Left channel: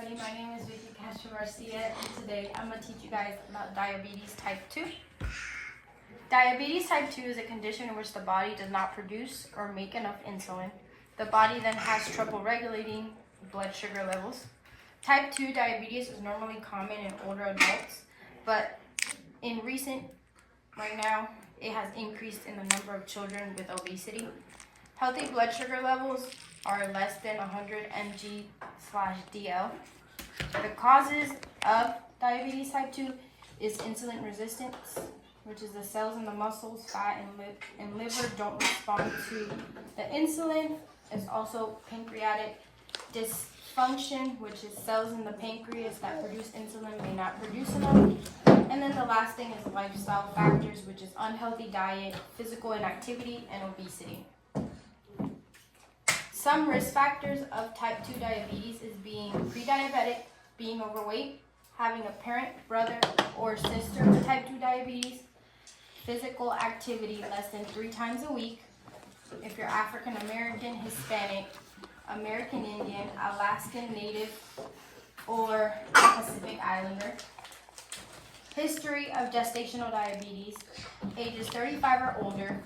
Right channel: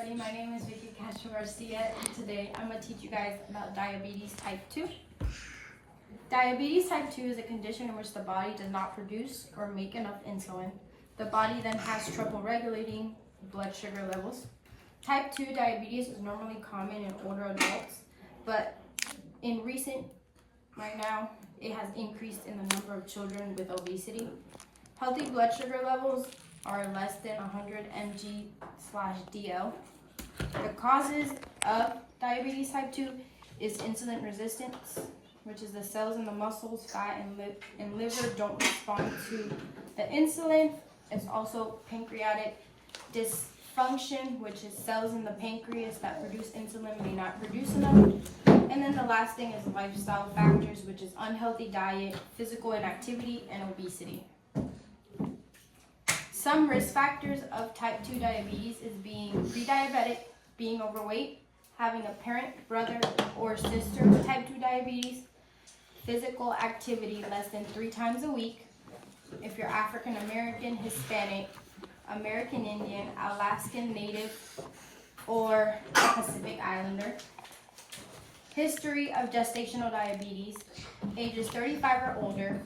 everybody, my name is Castro-Garcia, and today I'm going to teach you guys about diabetes type 2. Diabetes type 2 is a condition in which the body does not produce or make enough insulin. The body then has trouble regulating blood sugar levels. Type 2 diabetes is normally common in older adults, but right now, it has increased in the number of children with obesity. Healthy blood sugar levels are less than 100 mg/dl. The causes of diabetes type 2 is insulin resistance, which is the cells in the muscles, fat, and liver don't respond to the insulin. It's also pancreatic dysfunction, which is cells in the pancreas that produce insulin may not produce enough. And then the last thing is lifestyle factors, which is unhealthy diet, physical inactivity, and obesity. Some risk factors of type 2 diabetes is being pre-diabetic, being overweight, having a parent, brother, or sister with type 2 diabetes, physical activity less than 3 times a week, if you're African American, Hispanic, American Indian, Alaskan Native, or Pacific Islander. History of gestational diabetes, ages 35 or older,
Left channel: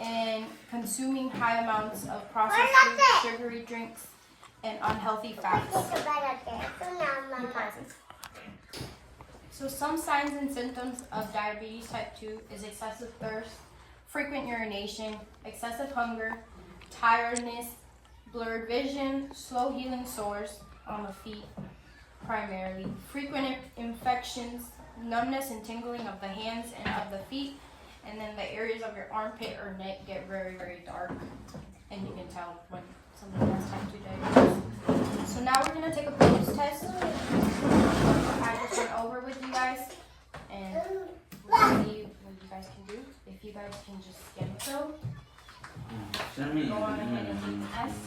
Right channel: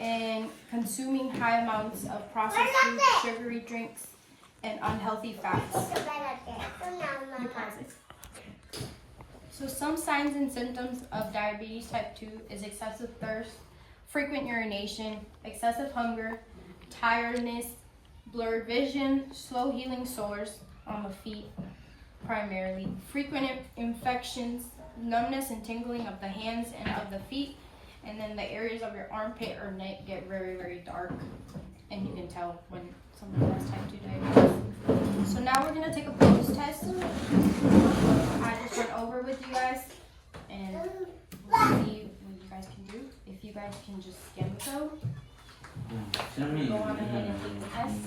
and consuming high amounts of processed food, sugary drinks, and unhealthy fats. So some signs and symptoms of diabetes type 2 is excessive thirst, frequent urination, excessive hunger, tiredness, blurred vision, slow healing sores on the feet primarily, frequent infections, numbness and tingling of the hands and of the feet, and then the areas of your armpit or neck get very, very dark, and you can tell when somebody has type 2 diabetes. So now we're going to take a pulse test. I just went over with you guys, and we'll see what you guys can do. If you guys can just scan the code, go on ahead and take the test.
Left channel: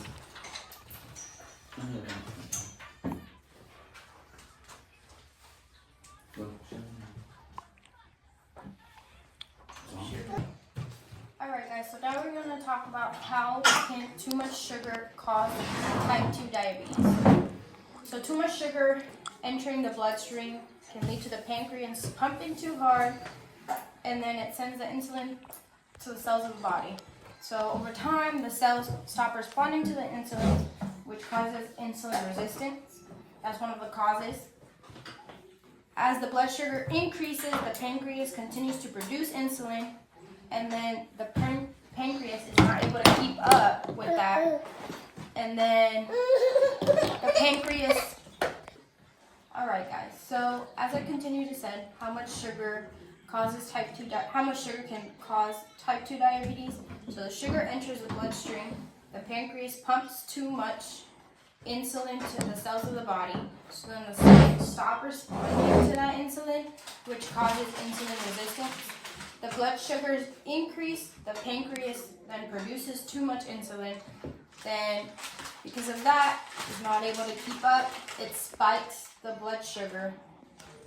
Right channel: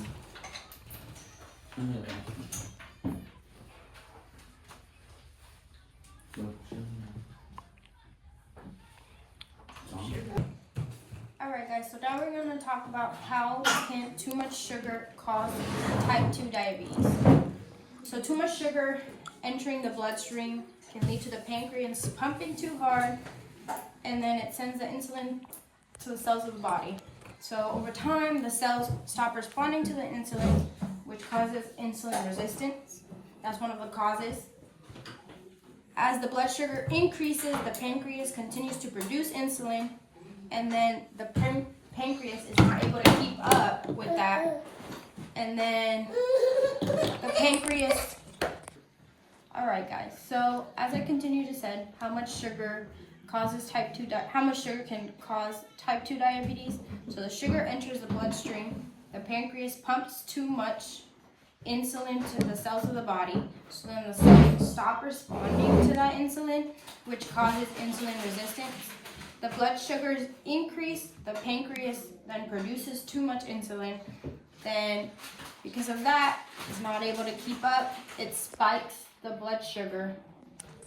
Alright guys, so now we're going to talk about how can too much sugar cause type 2 diabetes. So too much sugar entering the bloodstream can lead to the pancreas pumping too hard, and then it sends the insulin to the cells of the body. So over time, the cells stop responding to the insulin, which causes insulin resistance. That's one of the causes. As the blood sugar increases, the pancreas continues to produce insulin, and then the pancreas is not able to keep up with that. And then the pancreas... Alright guys, so as I continue to say, how much sugar can cause type 2 diabetes? So the sugar enters the bloodstream, the pancreas pumps too much insulin to the cells of the body, so then the cells stop responding to that insulin, which causes insulin resistance. The blood sugars increase, the pancreas then produces too much insulin, then because of that, it's not able to keep up, it spikes the blood sugar,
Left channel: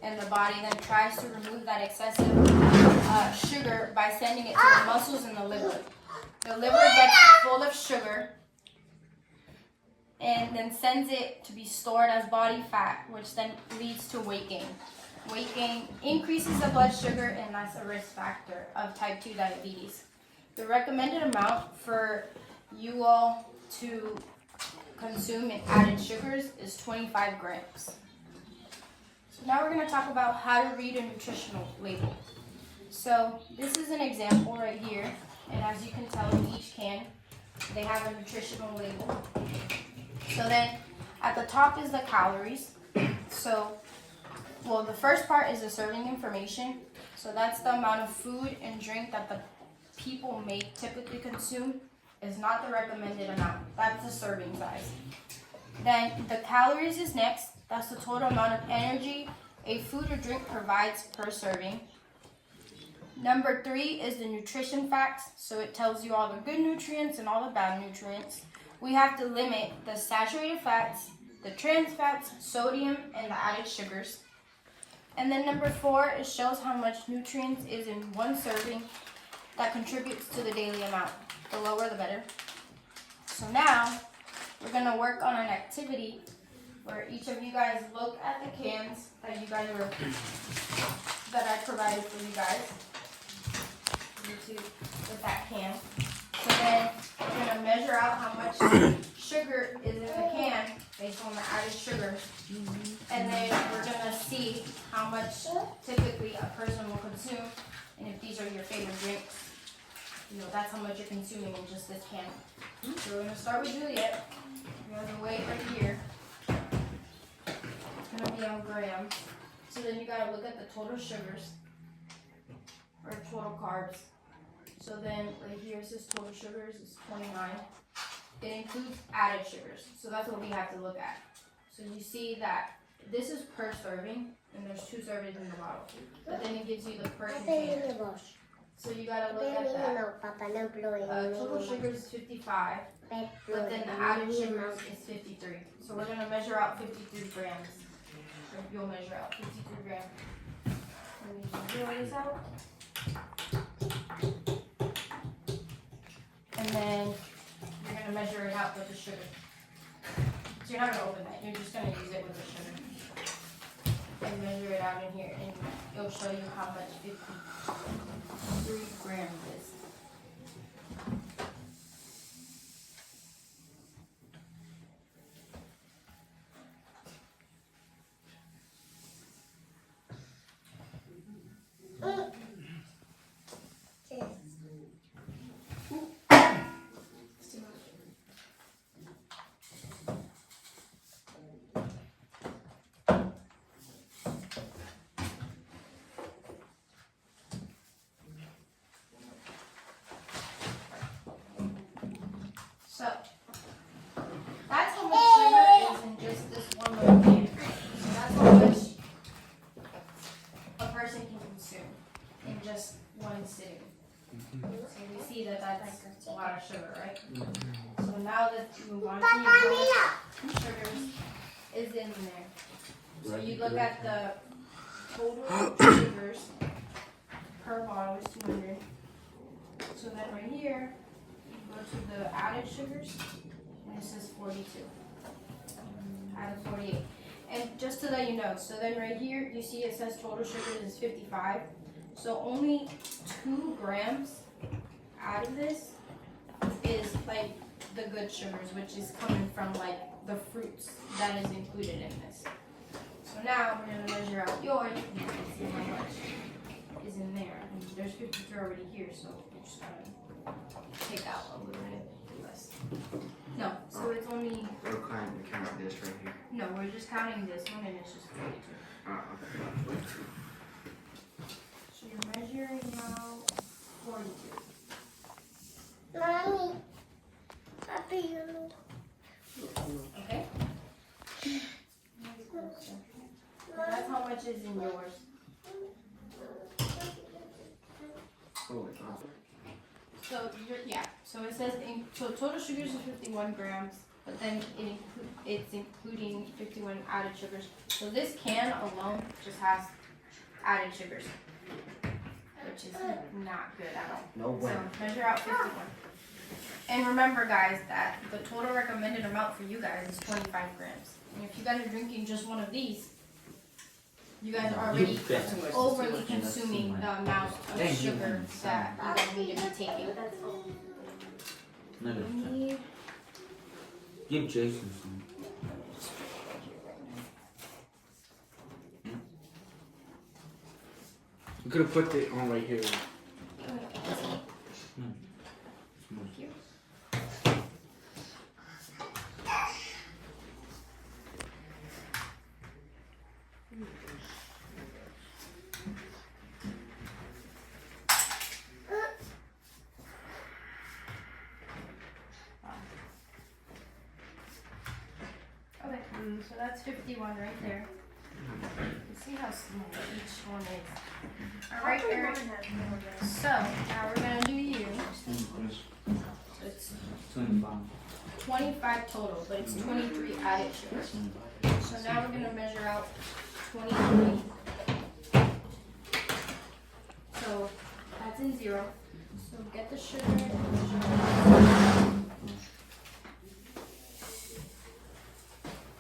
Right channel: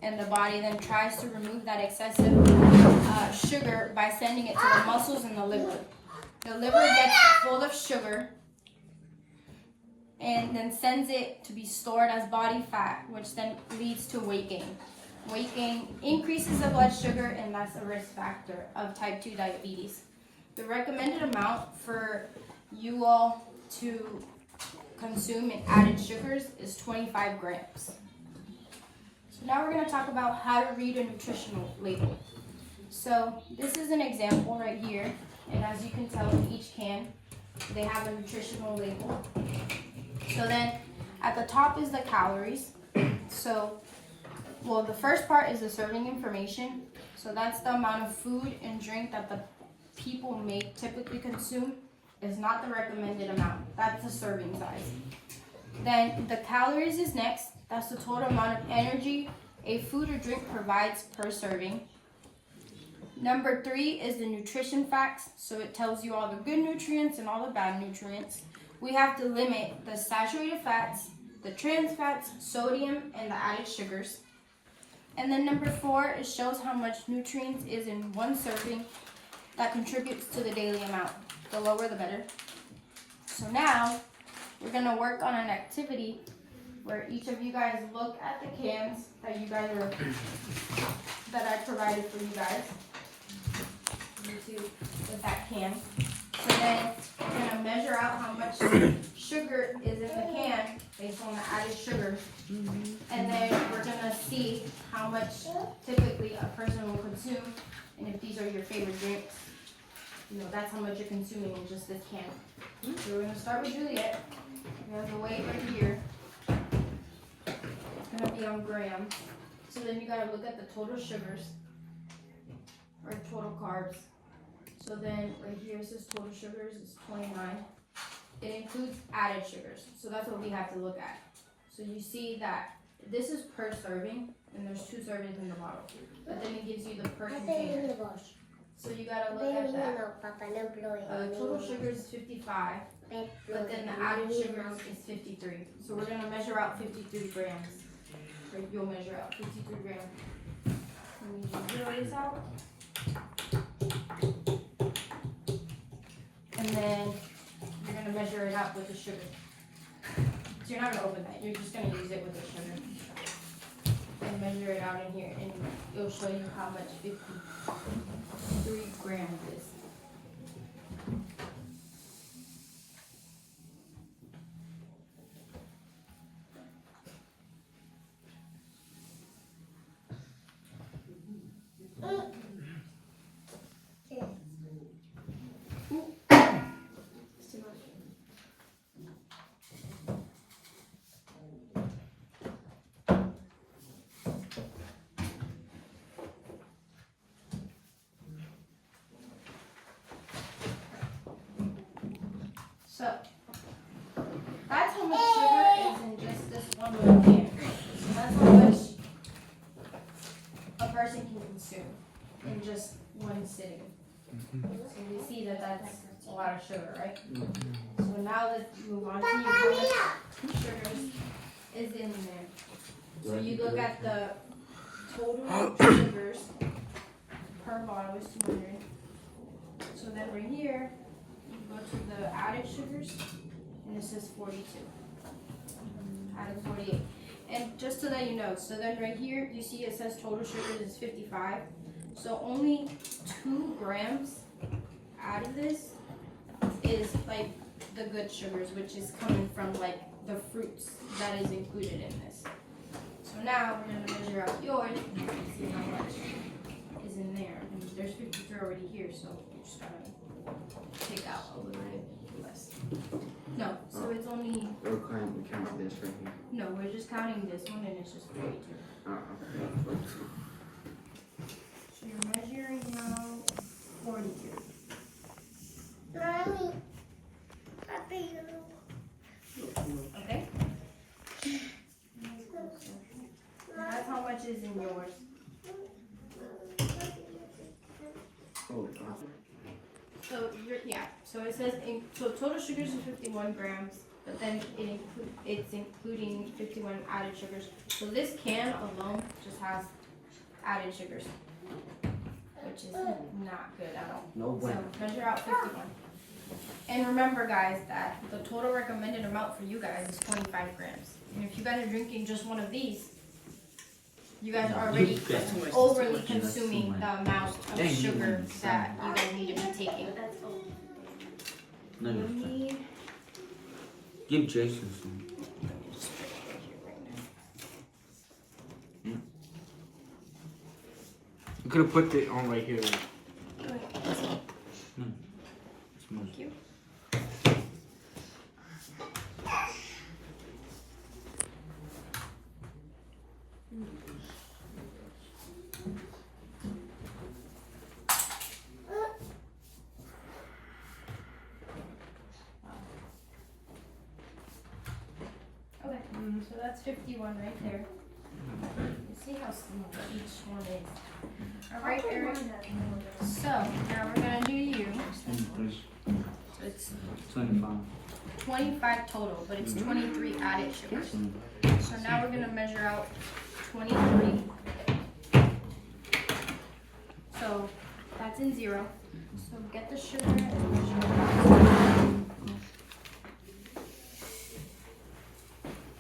and the body then tries to remove that excessive sugar by sending it to the muscles and the liver. The liver gets full of sugar and then sends it to be stored as body fat, which then leads to weight gain. Weight gain increases the blood sugar, and that's a risk factor of type 2 diabetes. The recommended amount for you all to consume in added sugars is 25 grams. So now we're going to talk about how to read a nutritional label. So this is an example right here, and as you can tell in each can, they have a nutritional label. So then at the top is the calories. Well, the first part is the serving information. So that's the amount of food and drink that the people may typically consume. Is not the recommended amount. That's the serving size. Then the calories is next. That's the total amount of energy a food or drink provides per serving. Number 3 is the nutrition facts. So it tells you all the good nutrients and all the bad nutrients. We have to limit the saturated fats, the trans fats, sodium, and the added sugars. And then number 4, it shows how much nutrients is in one serving that contributes to the daily amount. The lower the better. So now we're going to work on an activity where each of you guys look at the cans that I provided for you guys. With that can. So then we're gonna measure out how much sugar is in the can based on the added sugar. And then we're gonna see how much typically a person will consume. And if these are your favorite drinks, you know, that's how much you're consuming in just this can. So we're gonna start with Juliet. You're gonna weigh right here. It's gonna be on grams. So then you gotta look at the total sugars or total carbs. So then right here it says total sugars is 29. It includes added sugars. So that's what we have to look at. So you see that this is per serving and there's 2 servings in the bottle. But then it gives you the per container. So you gotta look at that. Total sugars is 55, but then the added sugars is 53. So we're gonna measure out 53 grams. Or you'll measure out 53 grams. Let me zero this out. And then you're going to measure it out with the sugar. So you're not going to open that, you're just going to use it with the sugar. And measure it out in here, and it'll show you how much 53 grams is. So, that's how much sugar is in just this one little can. So that's how much a person can consume in just one sitting. So we see that that's a lot of sugar, right? So now let's move on to how much sugars is in there. So you look at the total sugars per bottle is 200. So then right here, go to the added sugars, and it says 42. Out of 48. And just to let you know, so then right here, you see it says total sugars is 55. So only 2 grams out of this is like the good sugars, which is coming from like the fruits that is included in this. So now we're gonna measure out yours and see how much is in there. And there's 53 already here, so you're just gonna take out a little bit less. No, so it's only. We're counting this right here. No, we're just counting this one, and it's just 42. Okay. So you're measuring now 42. Mommy, Papi, Okay. So that's how much is in yours. Oh, So so it says so total sugars is 51 grams, but then it's including 51 added sugars. So this can alone just has added sugars, which is not good at all. No way. So measure out 51. And remember, guys, that the total recommended amount for you guys is 25 grams. And if you guys are drinking just one of these, you guys are already overly consuming the amount of sugar that you guys need to be taking. No, Need give Jason some. You could have put it on right here. No. Thank you. Okay, so that's 51 right there. You see how small each one is. All right, Eric. So now we're gonna do you. So it's 25 total, but it's 23 added sugars. So now we're gonna measure out 23. So that's in 0. So get the sugar and measure it out.